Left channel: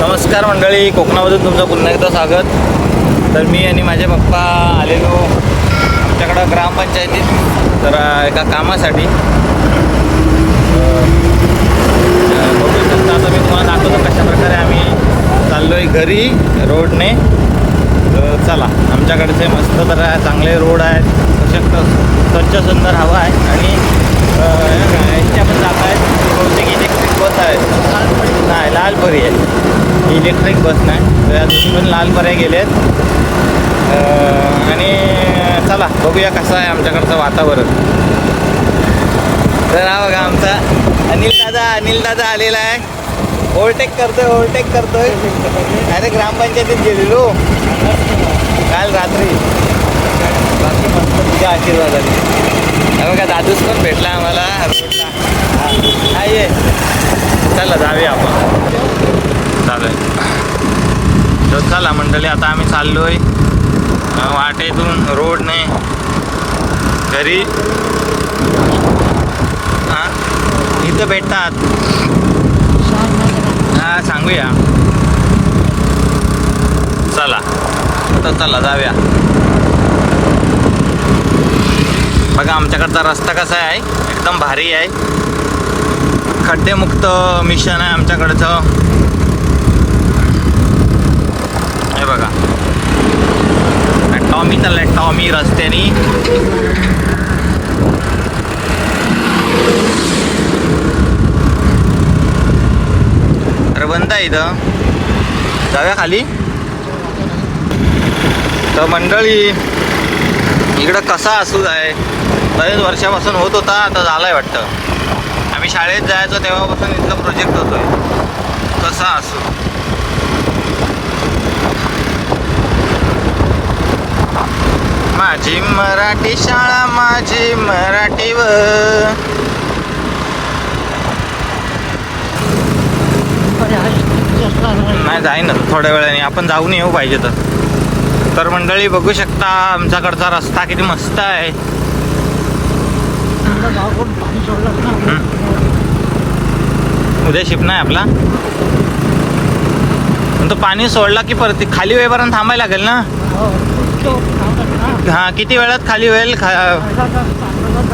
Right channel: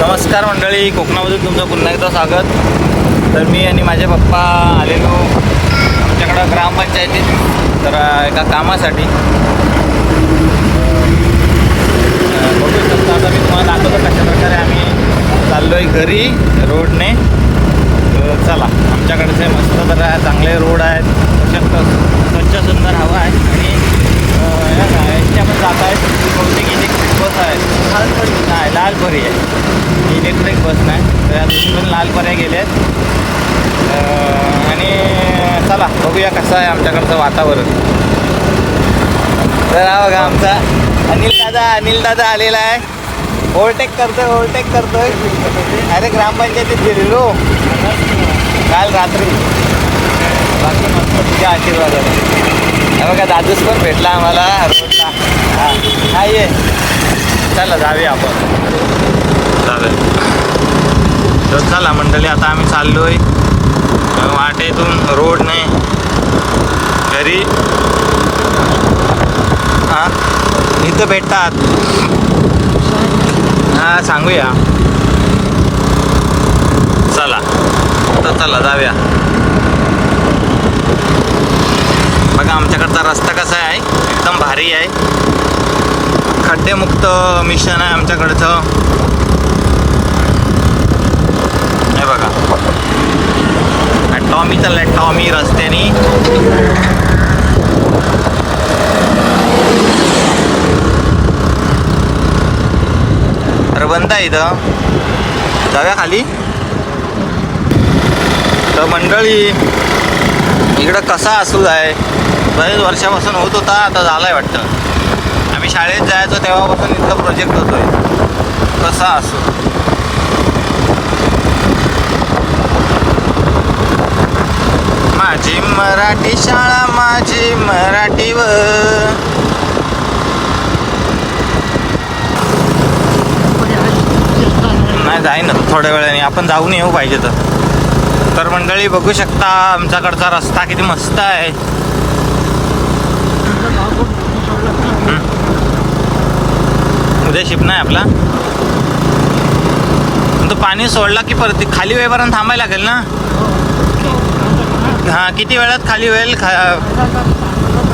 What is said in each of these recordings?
नमस्कार मंडळी, कोकणामधून तुमचं पुन्हा एकदा स्वागत. तर मी आणि माझे पप्पा आलेलो आमच्याकडं ग्रामपंचायतीत तर एका कामासाठी. बघू शकता. आता मी तुम्हाला दाखवतो कशाप्रकारे आम्ही चाललो आहे घरी रोडने. तर चला, आमच्याकडचे मस्त तर चांगले रोड आहेत, स्वच्छ सुंदर हवा आहे आणि याच्या पण जात आहेत. बहुतेक इलेक्ट्रिक बस आहेत. नाही, लाल परी आहे, इलेक्ट्रिक बस नाही. तर या दोन्ही पण लाल पर्याय गेले आहेत. आणि चला बघूया कसं आहे आमच्याकडचं वातावरण. तर हा बघा आमचा अनिल दादा आलेला आहे. ओव्हरटेक करतोय. अरे ग्रामपंचायतीत गेलेलो काल रात्री. बाकी मस्त तुझ्या आशीर्वादाने. हे बघा दादूस पण भेटला आम्हाला रोडला. हा ये, चला जाऊया आपण. तर चला मंडळी, आता आम्ही चाललोय वाटेतून रोडने घरी. हां, इथं भेटतात. हां, सांगूया. चला जाऊया. बघा आमच्याकडचा रस्ता कसा आहे, एकदम भारी आहे. खड्डेमुक्त मिशन आहे आमच्याकडचं. हे बघा, टॉमी रस्त्याने. अरे बंद आहे इथं, जाऊया खाली. तर मंडळी इकडं कसा असू आहे, बरेच वर्षापासून होत होता, आता झालाय वाटतं. आम्ही शाळेत जायचो तेव्हापासून इथला प्रोजेक्ट होतो. कसा असू माझी मराठी शाळा, माझी मराठीवर. नाही जाईन थोड्या वेळाने, आपण जाऊन येऊ पाहिजे तर मंडळी बघू शकता आमच्याकडचा रस्ता किती मस्त आहे. उद्या शिप नाही आपला. तो पाणी सोडला की परत खाली वेळपर्यंत थांबायला लागेल ना. हां, किती वेळात खाली होईल?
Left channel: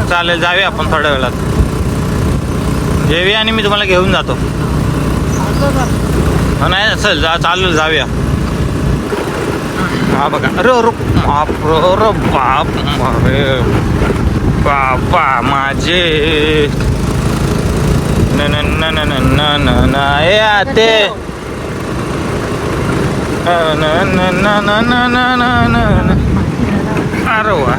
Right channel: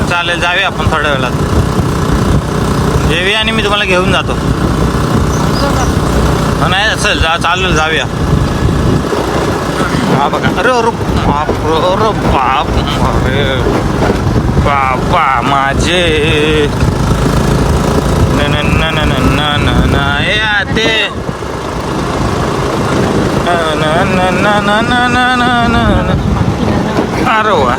चालेल, जाऊया आपण थोड्या वेळात. जेवी आणि मी तुम्हाला घेऊन जातो. नाही चल, चालेल जाऊया. हा बघा, अरे बाप अरे बापा माझे ते अरे वा.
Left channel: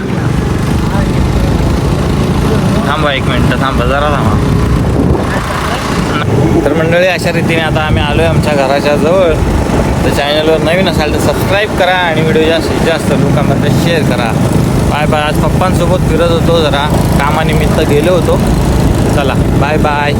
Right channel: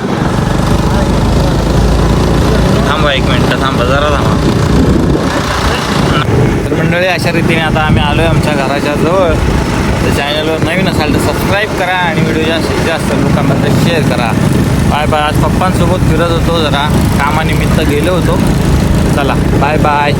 थांबा एक मिनटं, थांबा जरा थांबा. तर मंडळी अशा रीतीने आता आम्ही आलो आहे आमच्या घराच्या जवळ. तर चॅनलवर नवीन असाल तर सबस्क्राईब करा आणि व्हिडिओ जास्तीत जास्त लोकांमध्ये शेअर करा. Bye bye. आज पप्पांसोबत फिरत होतो, जरा कामानिमित्त गेलो होतो. चला बाय बाय.